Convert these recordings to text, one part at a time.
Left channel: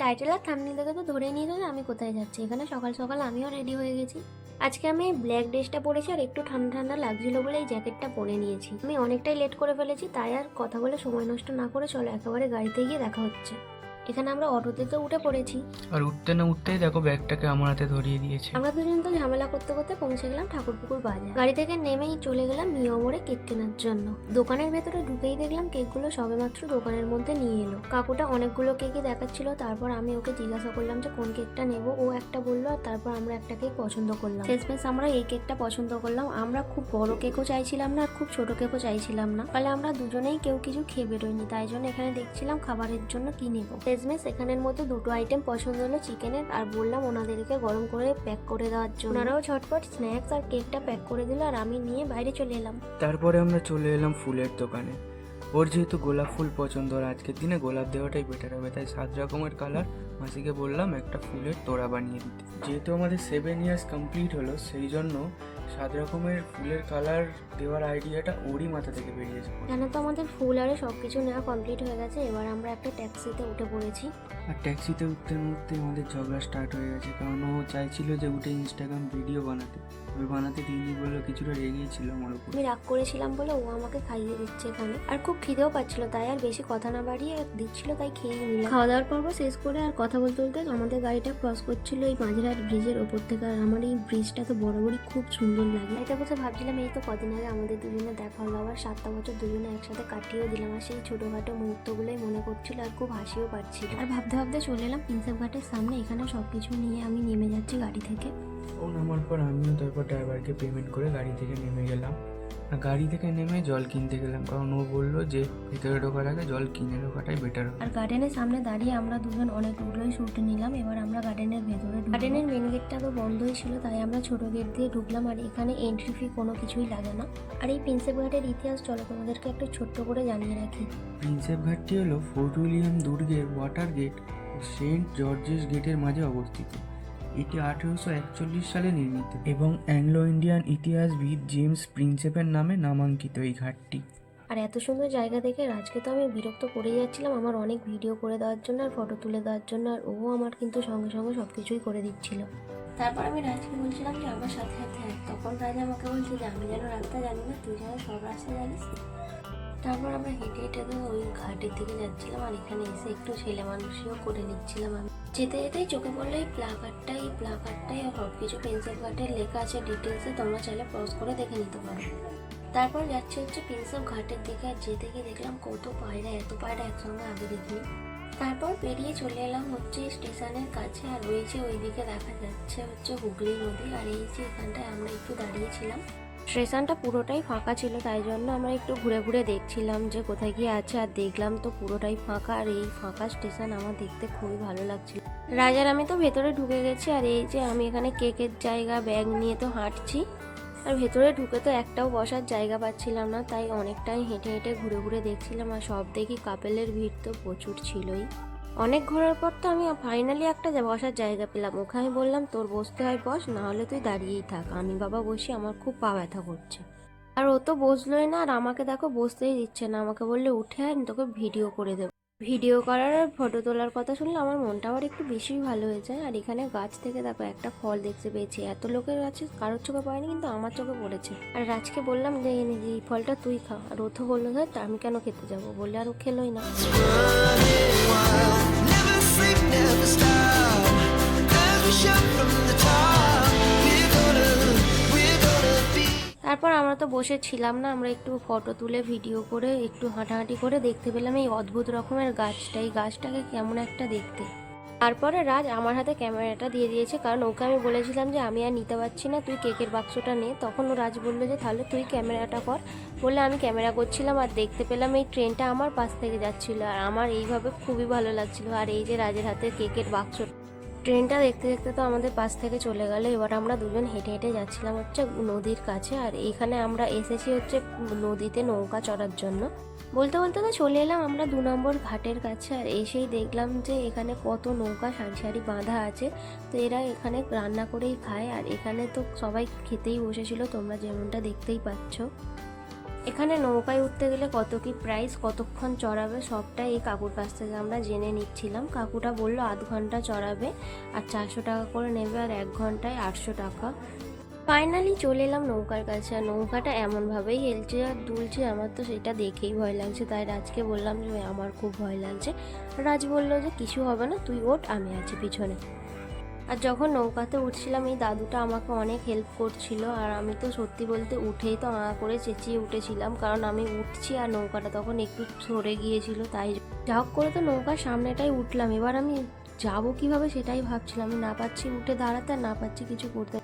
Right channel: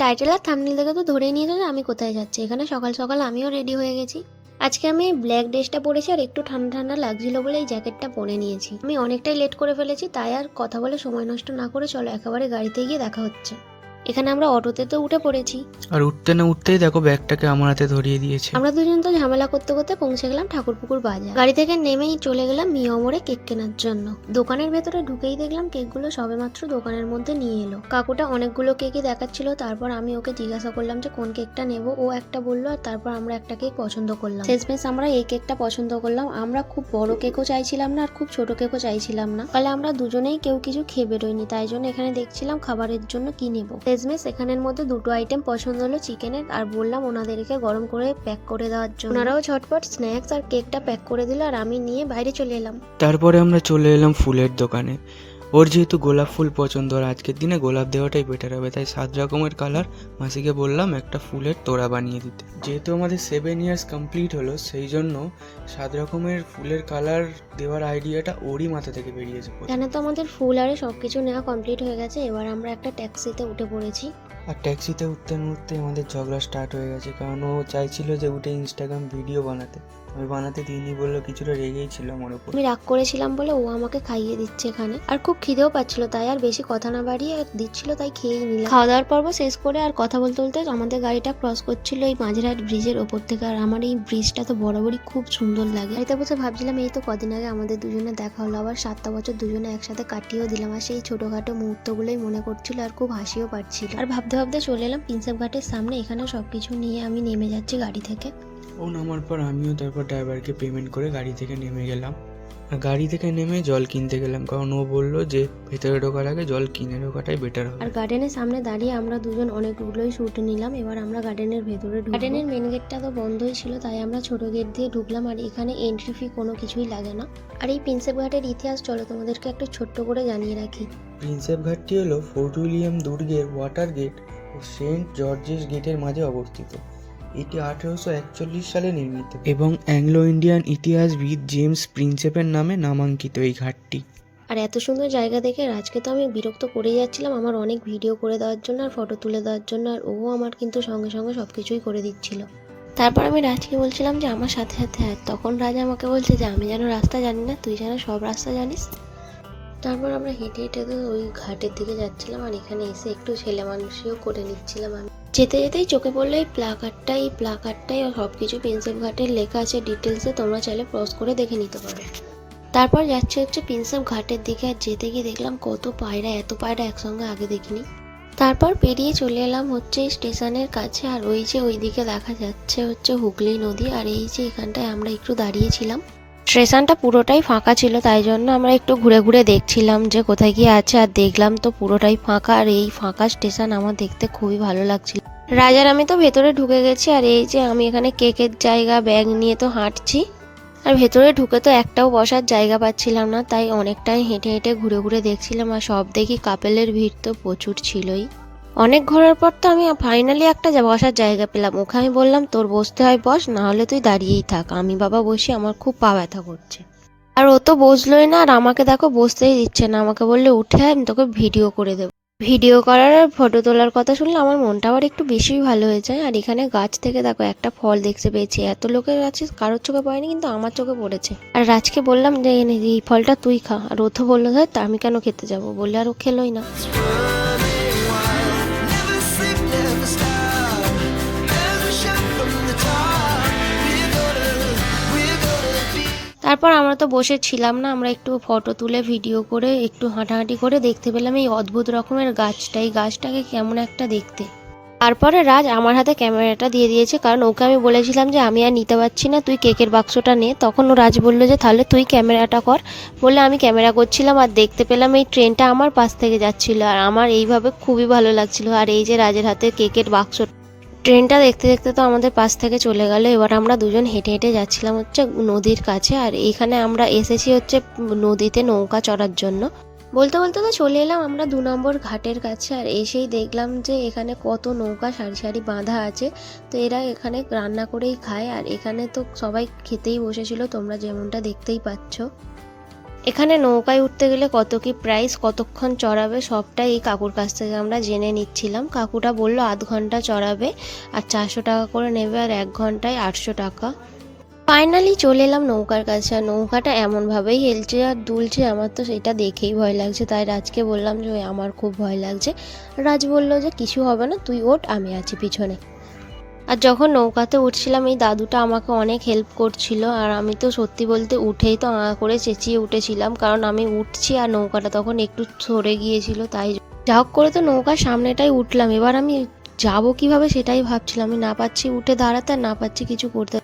Title আর thumbnail দেখে তো ধরেই নিয়েছো যে আমি কোথায় যাচ্ছি। এখানে সকাল সকাল আমিও রেডি হয়ে গেছি। আজকে আমি ব্ল্যাক ড্রেসটা পরেছি আর একটু ঠান্ডা ঠান্ডা লাগছিল বলে এই জ্যাকেটটা পরে নিয়েছি। আমি অনেকটাই লেট করে ফেলেছি, তাই আর কথা বলে সময় নষ্ট না করে চলো একেবারে গাড়িতে গিয়ে দেখা হচ্ছে। এখানে আমরা অটোতে তো উঠে পড়েছি আর উঠতে না উঠতেই দেখো ব্যাগটাকে আমার হাতে ধরিয়ে দিয়েছে। আমরা দুজন তো ঝামেলা করতে করতে পৌঁছে গেলাম ঠাকুরপুকুর বাজার। গাড়ি থেকে নেমেই চলে গেলাম মিয়মরে কেক কেনার জন্য। দোকানের ভেতরে ঢুকেই দেখলাম কেকগুলো সবেমাত্র দোকানের মধ্যে নিয়ে এলো। কাকুটা অনেকগুলো কেকই দেখাচ্ছিল, তারপর আমি ওকে জিজ্ঞাসা করলাম যে কোন কেকটা নেব। ও একটা বললো আর তারপর আমরা একটা কেক পছন্দ করলাম। শেষমেশ আমরা এই কেকটা পছন্দ করলাম। আমরা খুব বড় কেকও চাইছিলাম না আর খুব ছোট কেকও চাইছিলাম না, তাহলে আমরা দুজনেই কেউ কিছু খেয়ে বেরোয়নি, তাই জন্য এখানে দেখছিলাম খাবারের জন্য কি নেব। শেষমেশ এখানের মধ্যে দুটো আইটেম পছন্দ হলো চিকেনের, আর বললাম ওনাদেরকে গরম করে প্যাক করে দেওয়ার জন্য। ওনারাও ঝটপট স্ন্যাক্স আর কেকটা প্যাক করে দিল আর আমি নিয়ে বাইরে চলে এলাম। তারপরে আমরা চলে এলাম ফুলের দোকানে। ওর যেহেতু গোলাপ ফুল পছন্দ, আর আজকের দিনে গোলাপ দেওয়াটাই বেটার হবে, তাই 7 রকমের কালার মাসিকে বললাম একটা ফুলের তোড়া বানিয়ে দিতে। যেহেতু আমাদের 7 ইয়ার্স কমপ্লিট হলো, সেই জন্য 7 রকমের ফুলের কালার দেওয়ার আইডিয়াটা ওরই মাথা থেকে বেরিয়েছে। এখানে তো আমাদের ফুল আরে সবকিছু নেওয়া কমপ্লিট হয়ে গেছে। এবার আমরা একটা ট্যাক্সিতে উঠে পড়েছি। আর ট্যাক্সিতে উঠতে উঠতে আমাদের ঝগড়া স্টার্ট হয়ে গেছে, কারণ ও চাইছিল যে উঠে ইনস্টাগ্রাম ভিডিও বানাতে। আমি বানাতে দিইনি বললে কিছুটা রেগেই ছিল আমার উপর। আমি রাগ করেছিলাম বলে ও আমাকে খাইয়ে দিচ্ছে এখানে, আর খুব খিদেও পাচ্ছিল, তাই আর বেশি কথা না বাড়িয়ে দিচ্ছিল, তাই খেয়েই নিলাম। খাওয়া দাওয়ার পর্ব শেষ করে আর কথা বলতে বলতে আমাদের গাড়িটা ক্রস করছিল এই মাঝেরহাট ব্রিজের ওপর থেকে। আর আমার এই ব্রিজটা তো বরাবরই খুব সুন্দর লাগে। গাড়িতে বসে ভাবছিলাম এই তো কদিন আগে আমাদের দুজনে দেখা হলো, আবার 7টা বছর দুজনে একসাথে কাটিয়েও দিলাম। আর সেই ছোটখাটো মুহূর্তগুলোই মনে করছিল আর খুব হাসিও পাচ্ছিল। আর ভাবতে ভাবতে চলে এলাম প্রিন্সেপ ঘাটের সামনে। এখানে সবকিছু নিয়ে আমি নেমে যাচ্ছি গাড়ি থেকে। ও নামার পর আমিও তারপর ড্রাইভারকে পেমেন্ট করে গাড়ি থেকে নেমে গেলাম। আর গাড়ি থেকে নেমে জল কিনতে গেলাম, কারণ ও বললো যে ভেতরে ঢোকার আগে জল কিনে ঢোকাটাই বেটার হবে। আর গার্ডেনের সামনে দাঁড়িয়ে আমরা দুজন অনেকগুলোই শুট নিলাম। এবার আমরা গার্ডেনের ভেতরে ঢুকবো। গার্ডেনের মেন গেটটা তো বন্ধই ছিল, তাই আমরা ছোট গেট দিয়ে ঢুকলাম। আর এখানে এন্ট্রি ফি কোনো কিছুই লাগে না। আর এই প্রিন্সেপ ঘাটের ইতিহাস চলো তোমাদেরকে একটু ছোট্ট করে জানিয়ে রাখি। প্রিন্সেপ ঘাটটি হলো ফোর্ট উইলিয়াম দুর্গের ওয়াটার গেট ও সেন্ট জর্জেস গেটের মাঝে অবস্থিত। এটি 1841 সালে নির্মিত এবং অ্যাংলো ইন্ডিয়ান ইতিহাসবিদ জেমস প্রিন্সেপের নামে নামাঙ্কিত এই ঘাটটি। আর এত সুন্দর জায়গা দেখে রাজকে তো আমি বিরক্ত করে যাচ্ছিলাম আমার অনেক ভিডিও করে দেওয়ার জন্য আর ফটো তুলে দেওয়ার জন্য, আর ও আমার কিন্তু সঙ্গে সঙ্গে সব কিছুই করে দিচ্ছিল। তারপর আমি রাজকে বলছিলাম যে আমার সাথে সাথে আয়, তখন রাজ আমাকে বলছে যে আমি যেন রাস্তা জানি না, তুই যেন সব রাস্তা জানিস। তারপর আমরা হেঁটে হেঁটে তো ওই ঘাটের দিকে যাচ্ছিলাম, আর এখানে এসে একটু ছেলে মানুষও করে নিচ্ছিলাম আমি। যেতে যেতেই চোখে পড়লো এই প্লাকার্ডটাই সব কিছু প্রিন্সেপ ঘাটের লেখা আছে ডিটেলসে, তোমরা চাইলে পজ করে দেখে নিতে পারো। তারপর যাচ্ছে হচ্ছে প্রিন্সেপ ঘাটের দিকে, আর যেতে গিয়ে দেখলাম কত পায়রা, এত পায়রা একসঙ্গে আগে দেখিনি। তারপর পেরিয়ে চলে এলাম হচ্ছে স্টেশনের কাছে। আর ওই যে ওইদিকে দেখা যাচ্ছে হচ্ছে হুগলি নদী। আর এই যে এখানটায় আমরা একটু দাঁড়িয়েছিলাম, স্টেশনটা পুরোটাই ফাঁকা ছিল, তাই জন্য আমরা একটু ঘুরে ঘুরে দেখছিলাম যে কোথায় গিয়ে আছে। আর দেখলাম তো পুরোটাই ফাঁকা, আর এই ফাঁকা স্টেশন আমার দেখতে খুবই ভালো লাগছিল। রাজার আমি তো ভেতরে ঢুকে গেছি, আর এই যে আমি এখানে কেকের জায়গা ব্যাগ নিয়ে তো হাঁটছি। আর ভেতরে ঢুকে তো একটাও বসার জায়গা পাচ্ছিলাম না, তাই অনেকটাই হেঁটে হেঁটে ঘুরে ঘুরে দেখছিলাম। আর সব দেখি কাপেলের ভিড় তো প্রচুর ছিলই। অনেক ঘোরার পর তো আমি ফাইনালি একটা বসার জায়গা পেলাম। ওকে আমি বললাম তোর বসতে হয় বস, না হলে তুই দাঁড়িয়েই থাক, আমি বাবা বসি, আমার খুব পা ব্যথা করছে। আর ও তো বসলোই না, আর আমাকে দেখো বসতেই দিচ্ছে না। আমাকে বললে উঠে আয়, আমি তোকে ভিডিও করে দেবো। ভিডিও করার আর ফটো তোলার কথা শুনলে আমার মনটা আবার একটু বেশি ভালো হয়ে যায়। আর এখানে গাছ থেকে দেখো একটা ফল দেখতে পেয়েছি, এত লোকের আছে কারোর চোখে পড়েনি, কিন্তু আমার চোখে পড়েছে। আর রাজকে বললাম যে এই ফলটা তুই খা, আর ও তো বললো ধর তা আমি কেন খেতে যাবো বললে, আর ও খেলোই না। তারপর আমরা তো বসে ছিলাম না, আমরা একটু ফটো তুলে ভিডিও করে একটু হাঁটাহাঁটি করে দেখতে পেলাম এই অদ্ভুত রকমের গাছটা। এই গাছটাকে কেমন একটা দেখতে। তারপরে রাজ আমার হাতে ক্যামেরাটা দিয়ে দিয়েছে, কারণ ওকে আমি বলেছিলাম যে আমি আর নিতে পারছি না, তুই কেকের বাক্সটা নে। তখন ও রাজ বললো যে তাহলে তুই ক্যামেরাটা কর। বলে আমি ক্যামেরা করছিলাম, আর দেখতে পেলাম এই ট্রেনটা আমার পাশ থেকে যাচ্ছিল, আর আমার এইভাবে খুবই ভালো লাগছিল। আর এই যে রাজের হাতে কেকের বাক্স, ট্রেনটা দেখতে দেখতে তো আমাদের পাশ থেকে চলে গেল। এবার আমরা দুজন হেঁটে হেঁটে যাচ্ছিলাম হচ্ছে নদীর কাছে। আর এইখানে আমরা এসেছি হচ্ছে নদীতে নৌকা চড়ার জন্য। বলতে বলতে তো চলে এলাম আমরা 2 নম্বর ঘাটের কাছে। আর এসেই দেখলাম যে এখানে কত নৌকা সারি সারি বাঁধা আছে। তো এরা এখানে রান্না করেই খায়, আর এখানে তো সবাই খেতেই বসেছিল, তোমরা যেমনটা দেখতেই পাচ্ছ। এখানে নৌকায় উঠতে গেলে কত কি প্রাইস, কতক্ষণ চড়াবে সবটাই এই কাকুর কাছ থেকে আমরা জেনে নিচ্ছিলাম। কাকুটা বললো আধ ঘন্টা চড়াবে আর 400 টাকা করে নেবে, আর 1 ঘন্টায় 800 টাকা। ফাইনালি চলে এলাম নৌকার কাছে, আর নৌকাটা এমনভাবেই হেলছে আর দুলছে, আমার তো সেটা দেখেই ভয় লাগছে। তাই রাজকে বললাম যে আমার খুব ভয় লাগছে। রাজ বললো যে কিছু হবে না, তুই ওঠ, আমি আছি পিছনে। আর যখন নৌকাতে উঠছিলাম এই দাদুটা আমাকে অনেক হেল্প করছিল, আর আমি তো সত্যি বলতে উঠেই তো করে চেঁচিয়ে উঠেছিলাম, কারণ আমি উঠছি আর নৌকাটা তখন একটু সরে গিয়েছিল। তাই যা হোক করে তো নৌকার সামনেটাই উঠলাম। এবার আমি যাব কিভাবে সেটাই ভাবছিলাম, আমি না পাচ্ছি উঠে দাঁড়াতে আর না পাচ্ছি কিছু করতে।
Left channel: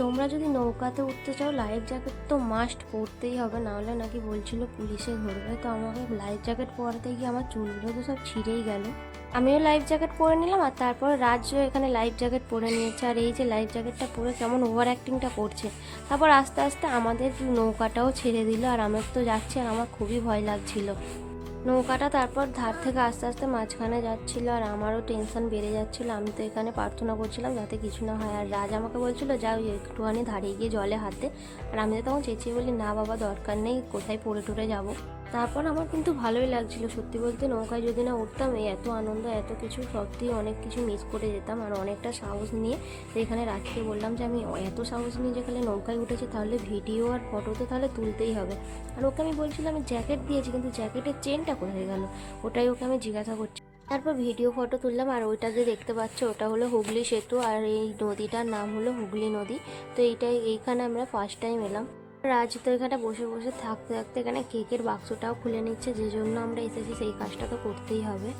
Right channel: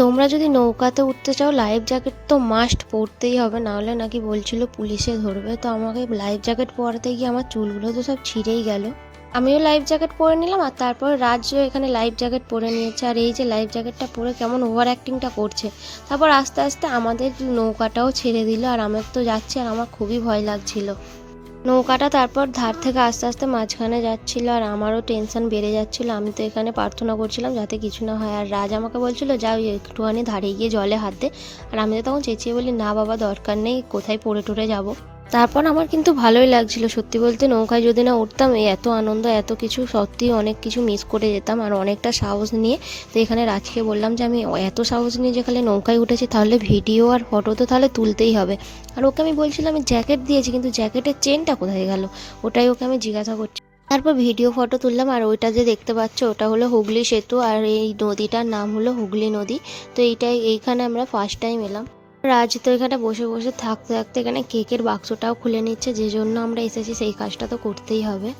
তোমরা যদি নৌকাতে উঠতে চাও লাইফ জ্যাকেট তো মাস্ট পরতেই হবে, নাহলে নাকি বলছিল পুলিশে ধরবে। তো আমাকে লাইফ জ্যাকেট পরাতে গিয়ে আমার চুলগুলো তো সব ছিঁড়েই গেল। আমিও লাইফ জ্যাকেট পরে নিলাম, আর তারপর রাজ্য এখানে লাইফ জ্যাকেট পরে নিয়েছে, আর এই যে লাইফ জ্যাকেটটা পরে কেমন ওভার অ্যাক্টিংটা করছে। তারপর আস্তে আস্তে আমাদের নৌকাটাও ছেড়ে দিল, আর আমার তো যাচ্ছে আর আমার খুবই ভয় লাগছিল। নৌকাটা তারপর ধার থেকে আস্তে আস্তে মাঝখানে যাচ্ছিল, আর আমারও টেনশন বেড়ে যাচ্ছিল। আমি তো এখানে প্রার্থনা করছিলাম যাতে কিছু না হয়, আর রাজ আমাকে বলছিল যাও একটুখানি ধারে গিয়ে জলে হাত দে। আর আমি তো তখন চেঁচিয়ে বলি না বাবা দরকার নেই, কোথায় পড়ে টরে যাবো। তারপর আমার কিন্তু ভালোই লাগছিল সত্যি বলতে, নৌকায় যদি না উঠতাম এই এত আনন্দ এত কিছু সত্যি অনেক কিছু মিস করে যেতাম। আর অনেকটা সাহস নিয়ে তো এখানে রাজকে বললাম যে আমি এত সাহস নিয়ে যেখানে নৌকায় উঠেছি, তাহলে ভিডিও আর ফটো তো তাহলে তুলতেই হবে। আর ওকে আমি বলছিলাম আমি জ্যাকেট দিয়েছি, কিন্তু জ্যাকেটের চেনটা কোথায় গেল, ওটাই ওকে আমি জিজ্ঞাসা করছি। তারপর ভিডিও ফটো তুললাম, আর ওইটা যে দেখতে পাচ্ছ ওটা হলো হুগলি সেতু, আর এই নদীটার নাম হলো হুগলি নদী। তো এইখানে আমরা ফার্স্ট টাইম এলাম। রাজ তো এখানে বসে বসে থাকতে থাকতে এখানে কেকের বাক্সটাও খুলে নিচ্ছে, যে জন্য আমরা এসেছি সেই কাজটা তো করতেই হবে।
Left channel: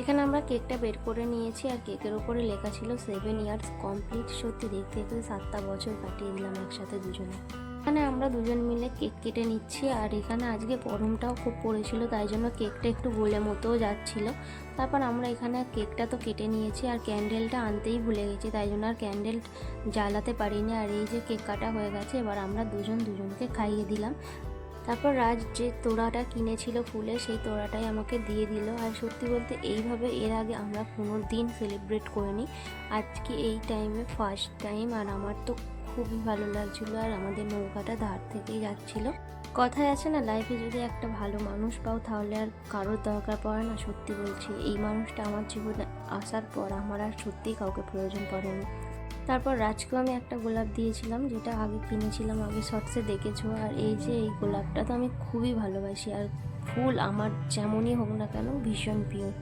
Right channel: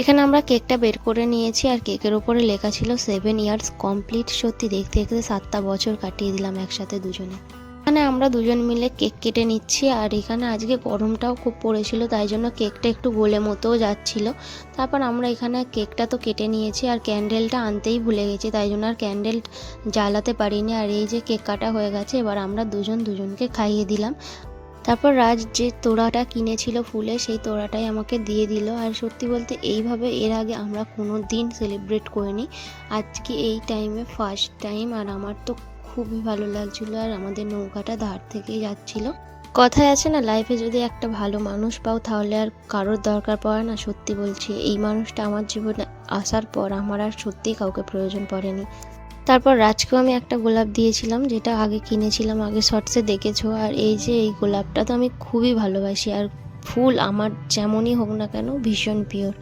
এখানে আমরা কেকটা বের করে নিয়েছি, আর কেকের ওপরে লেখা ছিল 7 ইয়ার্স কমপ্লিট। সত্যি দেখতে দেখতে 7টা বছর কাটিয়ে দিলাম একসাথে দুজনে। এখানে আমরা দুজন মিলে কেক কেটে নিচ্ছি, আর এখানে আজকে গরমটাও খুব পড়েছিল, তাই জন্য কেকটা একটু গোলে মতোও যাচ্ছিল। তারপর আমরা এখানে কেকটা তো কেটে নিয়েছি, আর ক্যান্ডেলটা আনতেই ভুলে গেছি, তাই জন্য আর ক্যান্ডেল জ্বালাতে পারিনি। আর এই যে কেক কাটা হয়ে গেছে, এবার আমরা দুজনকে খাইয়ে দিলাম। তারপর রাজ যে তোড়াটা কিনেছিল ফুলে, সেই তোড়াটাই আমাকে দিয়ে দিল। আর সত্যি বলতে এইভাবে এর আগে আমরা কোনো দিন সেলিব্রেট করিনি, আজকে এই টাইমে ফার্স্ট টাইম। আর আমার তো খুবই ভালো লাগছিল, আর আমাদের নৌকাটা ধার থেকেই যাচ্ছিল। কথায় আছে না, লাইফে যদি একটা ভালো মানুষ পাও তাহলে আর কারোর দরকার পড়ে না। সত্যি বলছি এই মানুষটা আমার জীবনে আসার পর আমার আর সত্যিই কাউকে প্রয়োজন পড়েনি। তারপর রাজকেও আমি একটা গোলাপ দিয়েছিলাম, যেটা আগে কিনেছিলাম, আগে শর্টসে দেখেছো। আর এই যে এই গোলাপটা তো আমি খুবই ভালোবাসি, আর ফুল আমার যেমনই হোক না কেন ভীষণ পিওর।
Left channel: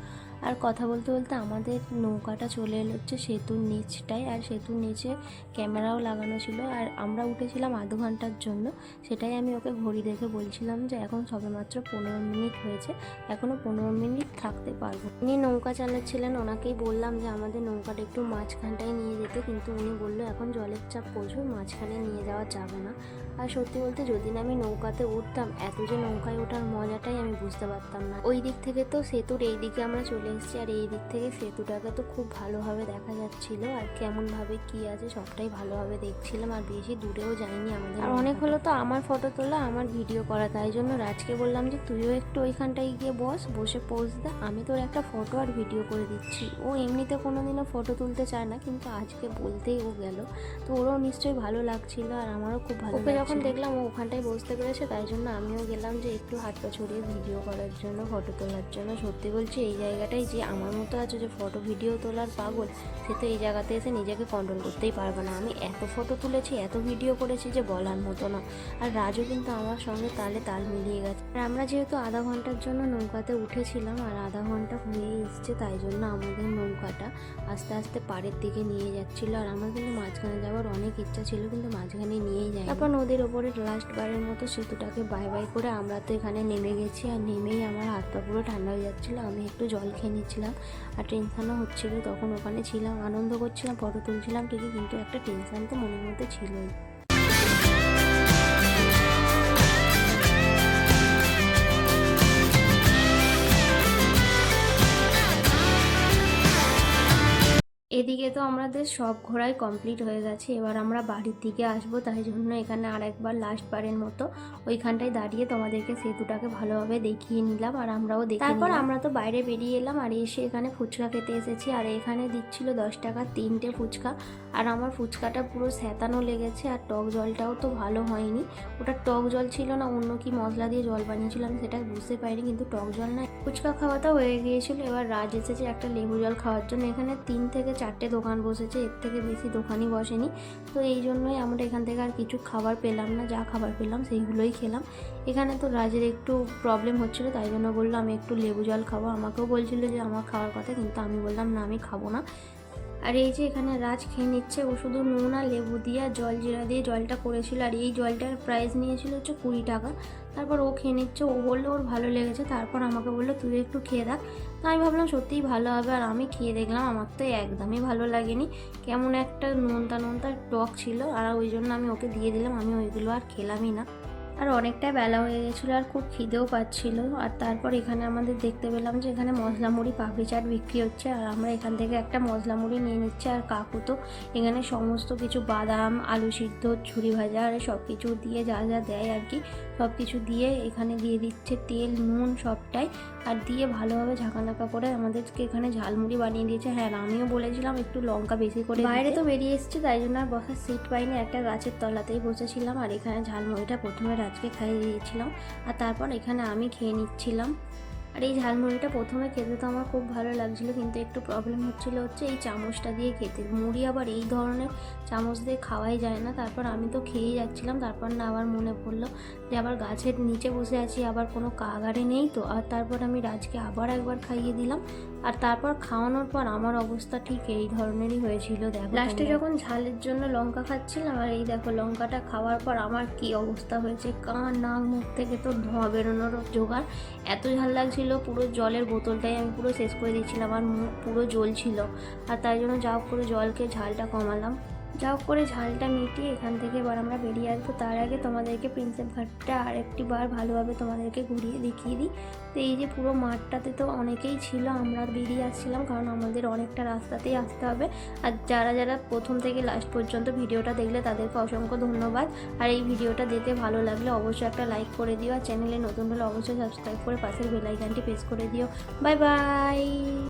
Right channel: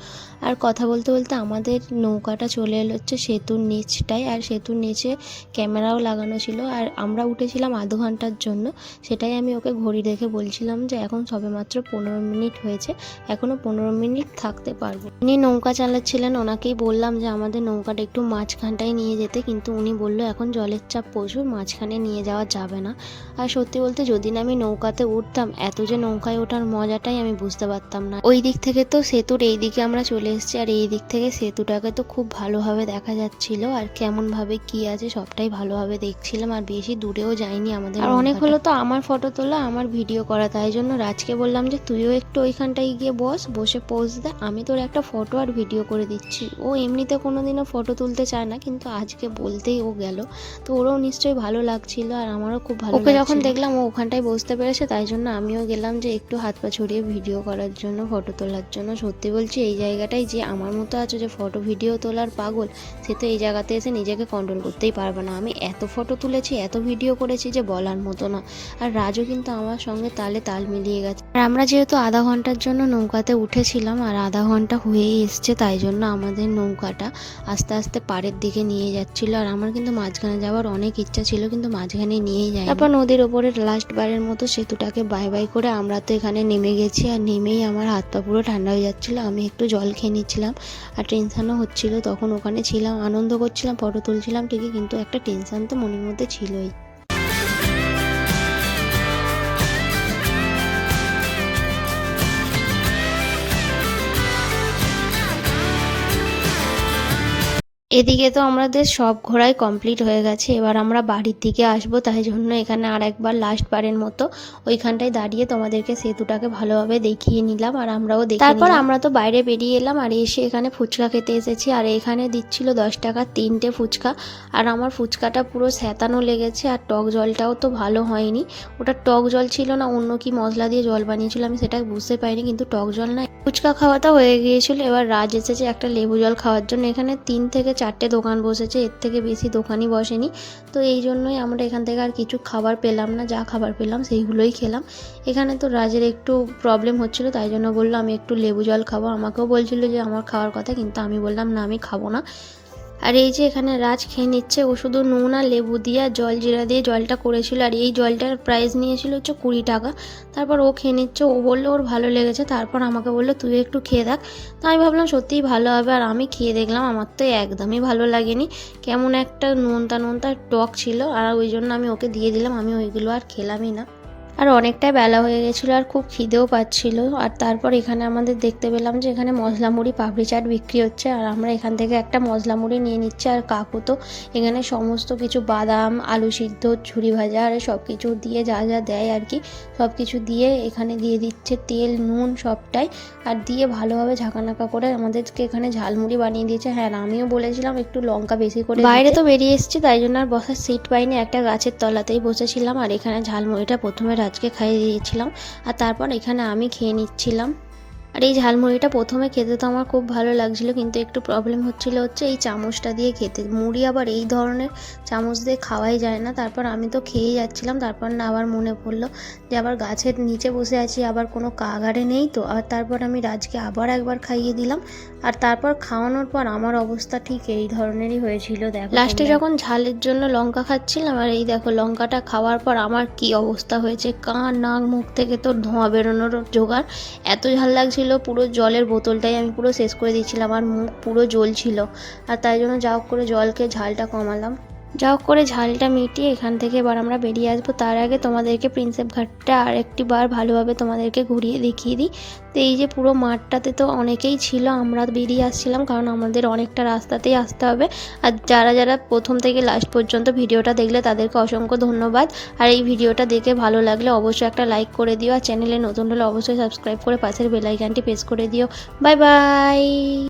আর কথা বলতে বলতে আমাদের নৌকাটা চলে এলো হচ্ছে সেতুর নিচটায়, আর সেতুর নিচে ক্যামেরাও লাগানো ছিল। আর আমরা উঠেছিলাম আধ ঘন্টার জন্য, সেটাই আমি ওকে ঘড়ি দেখে বলছিলাম যে এখন সবেমাত্র 15 মিনিট হয়েছে, এখনও 15 মিনিট থাকতে পারবো। উনি নৌকা চালাচ্ছিলেন, ওনাকেই বললাম যে আমাদের নৌকাটা একটু মাঝখানটায় নিয়ে যেতে, কিন্তু উনি বললো এখন জলের চাপ প্রচুর, মাঝখানে নিয়ে যাওয়া যাবে না। আর সত্যি বলতে যদি না আমি নৌকাতে উঠতাম, এত যে নৌকায় ওঠার মজাটাই আমি বুঝতে পারতাম না। ওই দিক থেকে তো সেতুর এই দিকে আমরা চলে এসেছি, আর এই দিক থেকে সেতুটাকে তো খুব ভালোভাবে দেখা যাচ্ছিল, আর কেমনভাবে কি আছে সবটাই ভালোভাবে দেখছিলাম। আর বেশি দূরেও যাইনি আমাদের, আর অনেক হলো তো আমার ফটো তোলা আমার ভিডিও করা, তাই জন্য রাজকে বললাম যে তুইও একটু ওইখানটায় গিয়ে বসে পোজ দে, আমি তোর একটা ফটো আর ভিডিও করে দিচ্ছি। ও এমনিতে কোনোদিনও ফটো তুলতে চায় না, কিন্তু আজকে বলতেই ও গেল, তো ওরও নিশ্চয়ই ভালো লাগছিল, আর আমারও খুব ভালো। ওকে যখন দেখলাম ও ওখানটায় বসতে পেরেছে, তাই জন্য আমিও গেলাম যে একটু হাত পা ছড়িয়ে ভিডিও করার জন্য, ফটো তোলার জন্য। সত্যি বলছি এই জায়গাটাই যে আমার মতো আছে যে ফটো ভিডিও তোলার পাগল, সে তো এই জায়গাতে এসে নিজেকে কন্ট্রোল করতেই পারবে না। আমি এত ফটো তুলেছি এত ভিডিও করেছি যে বলার মতো না। আর রাজও কিন্তু আমার সঙ্গে তালে তাল মিলিয়ে গেছে। আর আমরা যেহেতু আধা ঘন্টার জন্য নৌকাতে উঠেছিলাম, আর আধা ঘন্টা হয়েই এসছে, তাই জন্য আমাদের নৌকাটা আস্তে আস্তে পাড়ের দিকে নিয়ে যাচ্ছিল। আর আমার কিন্তু মাঝখানে যাওয়ার অনেক ইচ্ছা ছিল, কিন্তু মাঝখানে নিয়েই যায়। তারপর নদীর ওপরে লাস্ট বারের মতো সেতুটাকে বাই বাই করে আমরা তো এখানে নেমে গেছি, আর নেমেই আমার হাত পা পুরো ঠান্ডা হয়ে যাচ্ছিলো। আমি একটু জল খেয়ে নিচ্ছিলাম, আর টেনশানও হচ্ছিল। তখন ওখানে ছিলাম, আনন্দ করছিলাম, ফটো তুলছিলাম ঠিকই, কিন্তু একটা টেনশান তো মনের মধ্যে ছিলই। এদিকে তো আমাদের সব ঘোরাই কমপ্লিট হয়ে গেছে, এবার আমরা বাড়ির দিকে আসবো, তাই জন্য এখানে আর একবার লাস্ট বারের মতো ওইখানটায় দাঁড়িয়ে তোমাদেরকে সেতুটাকে ভালোভাবে দেখিয়ে নিলাম আর আমরাও দেখি। তারপর আমরা তো বাইরে বেরিয়ে এলাম আর এসে এখানে ফুচকা খেতে এসেছি আর এখানে দিচ্ছিল 10 টাকা 3টে ফুচকা। আর আমার ফুচকাটা পুরো স্যাঁতানো লেগেছে আর টক জলটাও তো ভালো হয়নি, ওটা টক জল ছিল না অন্য কি মশলা দিয়ে জল বানিয়েছিল আমি সেটা বুঝতে পারিনি, কিন্তু টক জল না। ফুচকা খাওয়াটা হয়ে গিয়েছিল, এবার রাজ এসেছে একটা লেবু জল খাওয়ার জন্য। এখানে 3 থেকে 4টে দোকান বসেছে, এর থেকে বেশি দোকানই বসেনি, তো এই জন্যই আমরা এখান থেকে আর কিছু খাবার পেলাম না, যা খাবার পেলাম সেইগুলোই খেলাম। এখানে তো রাজের একটু প্রবলেম হচ্ছিল, তাই জন্য বললো আমি একটু লেবু জল খাবো, আমাকেও বলছিল যে আমার খাওয়ার কথা, কিন্তু আমি বললাম না আমি খাবো না। আর এই যে এখানে রাজ খেয়ে নিচ্ছে, ও শুধু নুন আর লেবু দিয়ে আর জল জিরা দিয়ে জলটা করেছিল আর এই জলটার প্রাইস নিয়েছিল হচ্ছে 20 টাকা। তারপর ও খেয়ে নিচ্ছে, ও বললো ওর ভালো লেগেছে, তারপর আমাকে বললো তুই একটু খেয়ে দেখ। তো আমি ভাবলাম সত্যিই ভালো হবে, আর আমি খেয়ে দেখলাম আমার তো একদমই ভালো লাগেনি, কেমন একটা নোনতা নোনতা টক ছিল, আর ওই জন্য আমি ওকে দিয়ে দিলাম, আমি ওইগুলো আর খেলামই না। আর অনেকটাই বেলা হয়ে গেছিলো আর খুব খিদেও পাচ্ছিল। আর তারপর এখানে আমাদের দেখতে পেলাম যে এখানে মশলা মুড়ি পাপড়ি চাট বিক্রি হচ্ছে, আর আমরা এখান থেকে একটা মশলা মুড়ি নিয়ে নিচ্ছি। আর কাকু তো এখানে সমস্ত কিছু বাদাম, আলু সিদ্ধ, ঝুরি ভাজা আর সব কিছু দিয়ে যা যা দেয় আর কি, সব কিছু দিয়ে এখানে দিয়ে দিচ্ছে তেল নুন সবটাই, আর দিয়ে ভালোভাবে ঝাঁকানাকা করে আমাদেরকে এখানে ঝালমুড়ি বানিয়ে দিয়েছে। হ্যাঁ আমিও বলেছিলাম একটু লঙ্কা বেশি করে, বাইরে তো বেরিয়ে এসেছি তাই জন্য আর বসার সিট পাইনি, একটা গাছের তলাতেই বসেছিলাম। আর এখানে ঝালমুড়িটা প্রথমে রাজকে খাইয়ে দিয়েছিলাম আর তারপর এখানে আমি খেয়ে নিচ্ছিলাম। আর এই ঝালমুড়িটা প্রথমে খেতে তো আমার খুব ভালো লাগছিলো, কিন্তু একটু প্রবলেম হচ্ছিলো হচ্ছে এই চামচটা দিয়ে খেতে, মুড়ি আবার এই ধরনের চামচ দিয়ে খাওয়াই যায় না। তারপর আমি তো খেয়েই যাচ্ছিলাম, তারপর না আবার মনে পড়লো যে আবার গাছের নিচে বসে আছি, আবার কোনো কাগারে নেই তো। আর তারপর আমি রাজকে আবার একবার খাইয়ে দিলাম, আর তারপর খাওয়ানোর পর আমার অবস্থা ঠিক এই ধরনেরই হয়েছিল। দেখো লাস্টে যখন ঝালের জন্য লঙ্কা খাচ্ছিলাম, আর এই দেখো লঙ্কাটা খাওয়ার পর আমার কি অবস্থা হয়েছে, কান নাক মুখ থেকে তো ধোঁয়া বেরোনোর জোগাড়, এত ঝাল লাগছিল, পুরো জলের বোতলটাই আমি পুরো শেষ করে দিয়েছিলাম, আর মুখ পুরো জ্বলছিল। আর তাই জন্য যা হোক করে জলকে ঝালটা কমালাম, যা হোক করে ঝালটা মিটিয়ে এখান থেকে এবার আমরা বেরিয়ে আসবো। তার আগে তোমাদেরকে প্রিন্সেপ ঘাটটা আর একটি বার ভালোভাবে তোমাদেরকে ঘুরিয়ে দেখিয়ে দিই। তো এই যে পুরো মাঠটাতে তো অনেকেই ছিল, আমরা বেরিয়ে আসছিলাম কারণ আমাদের অনেকটা রাস্তাতেই আসতে হবে। আর যারা যারা প্রথম থেকে লাস্ট পর্যন্ত ভিডিওটা দেখলে তাদেরকে অসংখ্য ধন্যবাদ। আর এই ভিডিওটা দেখে ভালো লাগলে অবশ্যই একটা লাইক করে দিও, আর চ্যানেলে নতুন হলে অবশ্যই সাবস্ক্রাইব করে পাশের বেল আইকনটি প্রেস করে দিও। Bye bye.